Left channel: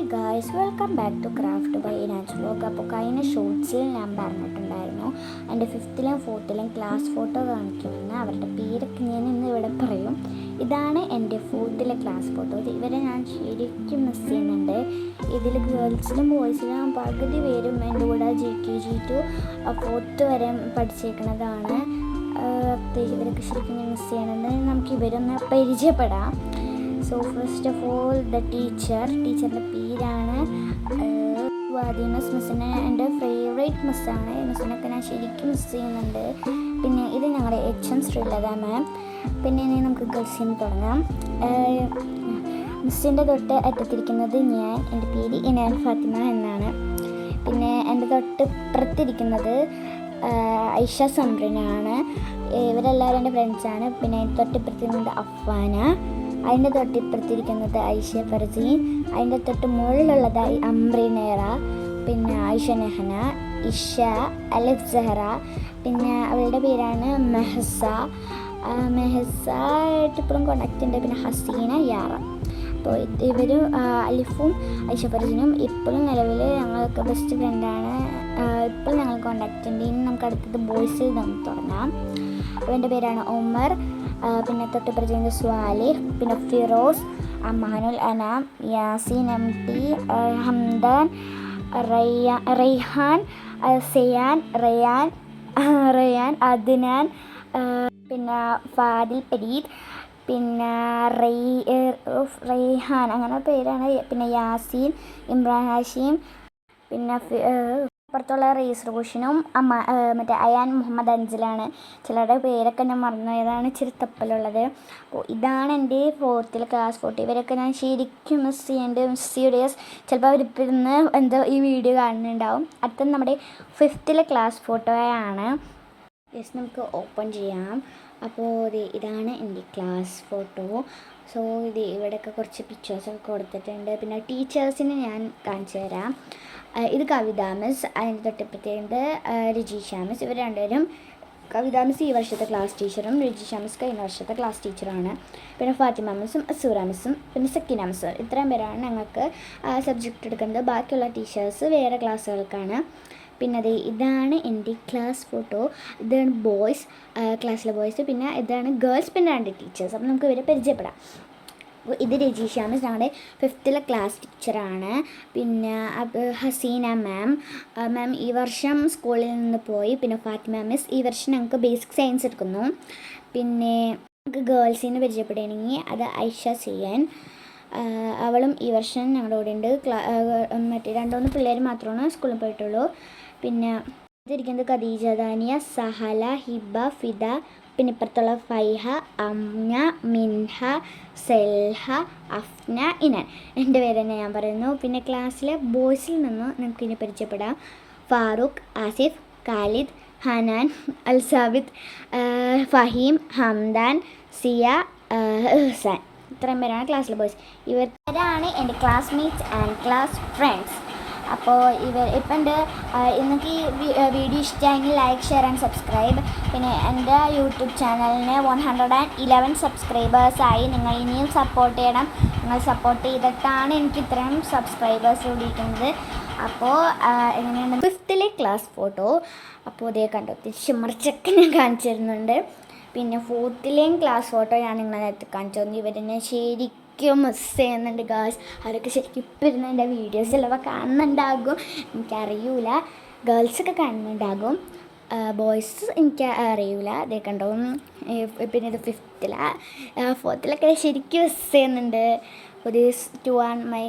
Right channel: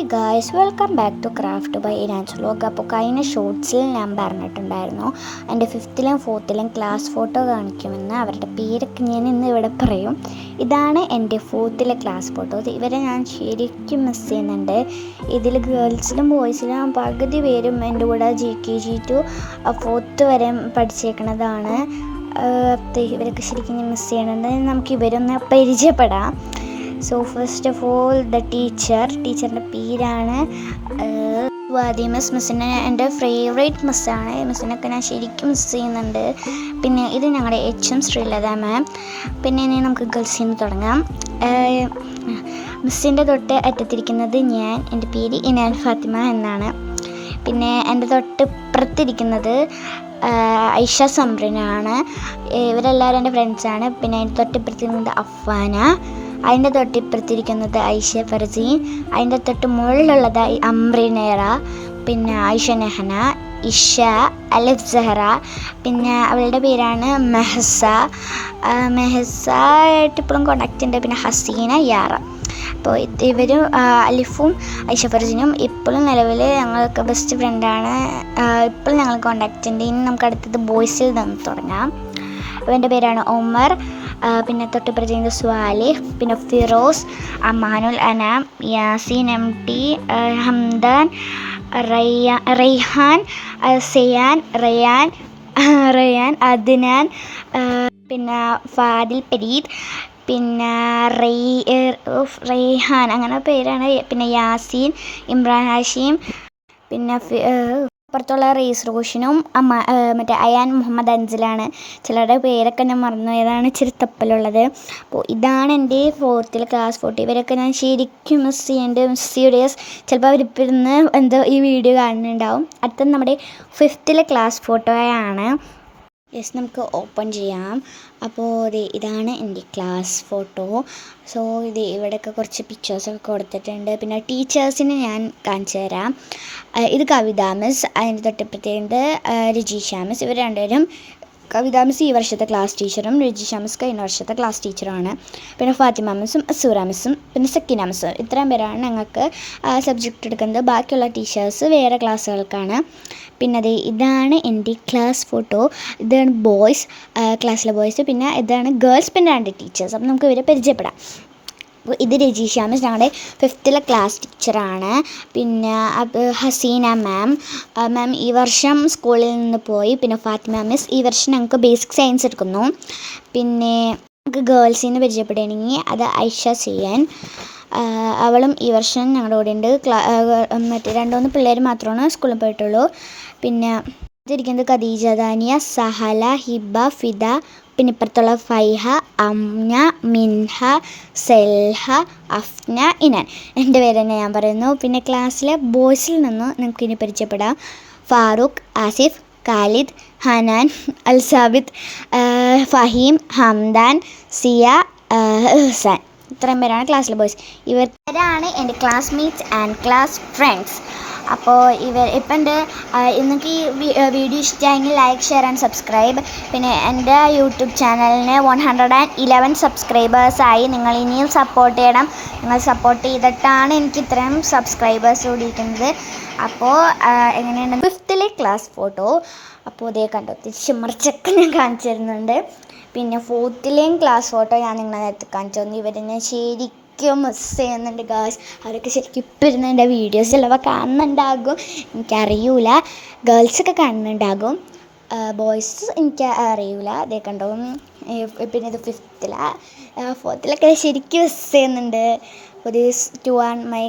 Hi guys, welcome back to craft by Inan's vlog. അപ്പോൾ കഴിഞ്ഞ ഷോർട്സിൽ ഞാൻ പറഞ്ഞിട്ടുണ്ടായിരുന്നു എൻ്റെ 5th-ലും 4th-ലും ക്ലാസ് ഫോട്ടോ കാണിക്കുമെന്ന്. അവരുടെ പേരൊക്കെ ഞാൻ ഇന്ന് ഇവിടെ പറയും. ഇതാണ് എൻ്റെ 4th-ലെ ക്ലാസ് ഫോട്ടോ. ഇവരെ ഞാൻ ശരിക്കും മിസ് ചെയ്യുന്നുണ്ട്. ഇതിൽ ഗേൾസിലും ബോയ്സിലും പകുതി പേരും എൻ്റെ കൂടെ GKG to 4th വരെ പഠിച്ചേക്കുന്നതാണ്. ഇവരൊക്കെ ശരിക്കും ഞാൻ മിസ് ചെയ്യുന്നുണ്ട്. നമുക്ക് ഇവരൊന്ന് പരിചയപ്പെടാം. സോ ഫസ്റ്റ് ഓഫ് ഓൾ ടീച്ചറിൻ്റെ പേരാണ് വാദി മിസ്സിനെ എൻ്റെ ഫേവറേറ്റ് മിസ്സാണ്. മിസ്സിനൊക്കെ ഞാൻ ശരിക്കും മിസ് ചെയ്യുന്നുണ്ട്. പിന്നെ ഇത് ഞങ്ങളുടെ HM ശ്രീലത മാം. പിന്നെ ഇനി നമുക്ക് ഗേൾസിൽ നിന്ന് തുടങ്ങാം. മിസ്സിൻ്റെ തൊട്ട് അറ്റത്തിരിക്കുന്നത് ഞാൻ. എൻ്റെ പേര് ഇനാൻ ഫാത്തിമ എന്നാണ്. പിന്നെ എൻ്റെ തൊട്ട് ഇപ്പുറത്തിരിക്കുന്നത് ഐഷ സംറിനാണ്. ഇവരെല്ലാവരും എൻ്റെ ഫ്രണ്ട്സാണ്. പിന്നെ അതിൻ്റെ തൊട്ടിപ്പുറത്തിരിക്കുന്നത് അഫ്വാന. അതിൻ്റെ തൊട്ടിപ്പുറത്തിരിക്കുന്നത് ഐഷ ഫർസീൻ. അതിൻ്റെ തൊട്ട് മുകളിലുള്ളത് അംറിനേറ. പിന്നെ ഐഷ നെഹന, ഇഷ, അലിഫ് സഹറ. പിന്നെ അവളുടെ പേരാണ് മെഹസായിട്ട് ഇപ്പോഴും കോണ്ടാക്റ്റ് ഉണ്ട്. പിന്നെ ഹസീന, യാറ. അപ്പോൾ ഇവരും അലിഫും ഐഷ ഫർസീനും ഇപ്പോഴും നിലവിൽ ഞങ്ങൾക്ക് ബെസ്റ്റ് ഫ്രണ്ടാണ്. ഇപ്പോഴും ഞങ്ങൾ കോണ്ടാക്റ്റ് ഉണ്ട്. ഇനി നമുക്ക് അടുത്തത് ബോയ്സിൽ നിന്ന് തുടങ്ങാം. ഇവൻ്റെ പേരാണ് ഒമർ. പിന്നെ തൊട്ടിപ്പുറത്ത് സ്വാലിഹ്, പിന്നെ ഫിറോസ്, അമാനുൽ അനാം, യാസീൻ MT, ഹംദാൻ, റൈഹാൻ, സെയാൻ, റയാൻ, അദ്നാൻ, പിന്നെ ഫാദിൽ പരീദ്, പിന്നെ റൈഹാൻ, അങ്ങനെ പേരാണ്. പിന്നെ യാസീൻ, ഇമ്രാൻ ഹാഷിം, പിന്നെ അപ്പുറത്തുള്ള റീസ് റോഷനും മറ്റേ അയാൻ മുഹമ്മദ് അൻസിലാണ്. ചിലരുടെ പേരൊക്കെ ഞാൻ മറന്നു. ഏതാണ് ഇച്ചിരി തപ്പലുള്ളത്. അപ്പോൾ ഇതാണ് എൻ്റെ 4th-ലെ ക്ലാസ് ഫോട്ടോ. ഇവരൊക്കെ ഞാൻ ശരിക്കും മിസ് ചെയ്യുന്നുണ്ട്. സീരിയസ്. ചിലപ്പോൾ അവരിപ്പോൾ ഇരുന്ന് ഈ വീഡിയോ കാണുന്നുണ്ടാവും. അടുത്തത് നമ്മുടെ 5th-ലെ ക്ലാസ് ഫോട്ടോയാണ്. നമുക്ക് ഓപ്പൺ ചെയ്യാം. അപ്പോൾ ഇതാണ് എൻ്റെ ക്ലാസ് ഫോട്ടോ. സോ ഇവിടെയൊക്കെ കുറച്ച് പിക്ചേഴ്സൊക്കെ കൊടുത്തിട്ടുണ്ട്. പിന്നെ ടീച്ചേഴ്സിനെ ഞാൻ കാണിച്ചു തരാം. ഇത് കവിത മിസ്. അതിൻ്റെ തൊട്ടിപ്പുറത്തേത് രജീഷ മിസ്. ഇവർ രണ്ടുപേരും, കവിത മിസ് ഈ വർഷത്തെ ക്ലാസ് ടീച്ചറും രജീഷ മിസ് കഴിഞ്ഞ വർഷത്തെ ക്ലാസ് ടീച്ചറുമാണ്. പിന്നെ ഫാത്തിമ മിസ്സും അസൂറ മിസ്സും പിന്നെ സക്കീന മിസ്സും. ഇത്രയും പേരാണ് ഞങ്ങൾക്ക് സബ്ജക്റ്റ് എടുക്കുന്നത്. ബാക്കിയുള്ള ടീച്ചേഴ്സ് വേറെ ക്ലാസ്സുകൾക്കാണ്. പിന്നെ ഇതാണ് എൻ്റെ ക്ലാസ് ഫോട്ടോ. ഇതാണ് ബോയ്സ്, ക്ലാസ്സിലെ ബോയ്സ്. പിന്നെ ഇതാണ് ഗേൾസ്. പിന്നെ 2 ടീച്ചേഴ്സ്. അപ്പോൾ നമുക്ക് ഇവരെ പരിചയപ്പെടാം. അപ്പോൾ ഇത് രജീഷ മിസ് ഞങ്ങളുടെ 5th-ലെ ക്ലാസ് ടീച്ചറാണ്. പിന്നെ ഹസീന മാം ഈ വർഷം സ്കൂളിൽ നിന്ന് പോയി. പിന്നെ ഫാത്തിമ മിസ് ഈ വർഷം ഞങ്ങൾക്ക് ബേസിക് സയൻസ് എടുക്കുന്നു. പിന്നെ നമുക്ക് ഗേൾസിൽ നിന്ന് പരിചയപ്പെടുകയാണെങ്കിൽ അത് ഐഷ സിയൻ. അവളും ഈ വർഷം ഞങ്ങളുടെ കൂടെ ഉണ്ട്. മറ്റേ 2-3 പിള്ളേർ മാത്രമാണ് സ്കൂളിൽ പോയിട്ടുള്ളൂ. പിന്നെ ഇതിരിക്കുന്നത് ഖദീജ, ദാനിയ, സഹല, ഹിബ, ഫിദ. പിന്നെ ഇപ്പുറത്തുള്ള ഫൈഹ, അംന, മിൻഹ, സെൽഹ, അഫ്ന, ഇനാൻ. എൻ്റെ പേര് തന്നെ ഞാൻ പറയുന്നു. പിന്നെ ക്ലാസ്സിലെ ബോയ്സിൽ നിന്ന് നമുക്കിനി പരിചയപ്പെടാം. ഫാറൂഖ്, ആസിഫ്, ഖാലിദ്, ഹനാൻ, അൽസാബിദ്, ഫഹീം, ഹംദാൻ, സിയ, ഹസാൻ. ഇത്രയും പേരാണ് ക്ലാസ്സിലെ ബോയ്സ്. ഇവരാണ് എൻ്റെ ക്ലാസ്മേറ്റ്സ് ആൻഡ് ക്ലാസ് ഫ്രണ്ട്സ്. അപ്പോൾ ഇപ്പം നിങ്ങൾക്ക് ഈ വീഡിയോ ഇഷ്ടമായെങ്കിൽ ലൈക്ക്, ഷെയർ ആൻഡ് സബ്സ്ക്രൈബ്. പിന്നെ എൻ്റെ യൂട്യൂബ് ചാനലിന് 111 സബ്സ്ക്രൈബേഴ്സായി. നിങ്ങൾ ഇനിയും സപ്പോർട്ട് ചെയ്യണം. നിങ്ങൾ സപ്പോർട്ട് ചെയ്തിട്ടാണ് എനിക്ക് ഇത്രയും സബ്സ്ക്രൈബേഴ്സ് കൂടിയിരിക്കുന്നത്. അപ്പോൾ എങ്ങനെയാണ് 5th-ലെ ക്ലാസ് ഫോട്ടോ. അപ്പോൾ കണ്ടോ, തിരിച്ച് മറിച്ചൊക്കെ ഞാൻ കാണിച്ചു തരുന്നുണ്ട്. പിന്നെ 4th-ലെയും ക്ലാസ് ഫോട്ടോ ഞാൻ നിങ്ങളെ നേരത്തെ കാണിച്ചു തന്നു. ഇവരെന്നെ ശരിക്കും മിസ് ചെയ്യുന്നുണ്ട് ഗേൾസ്. അവരൊക്കെ ശരിക്കും ഇപ്പം ഇരുന്ന് എൻ്റെ വീഡിയോസ് ചിലപ്പോൾ കാണുന്നുണ്ടാകും, എനിക്കറിയൂല. ഗേൾസൊക്കെ കാണുന്നുണ്ടാകും, ബോയ്സ് എനിക്ക് അറിയൂല. കണ്ടോ. പിന്നെ ഇത് 5th-ലെ 4th-ലൊക്കെ ശരിക്കും മിസ് ചെയ്യുന്നുണ്ട്. ഒരു ടു ആൻഡ് മൈ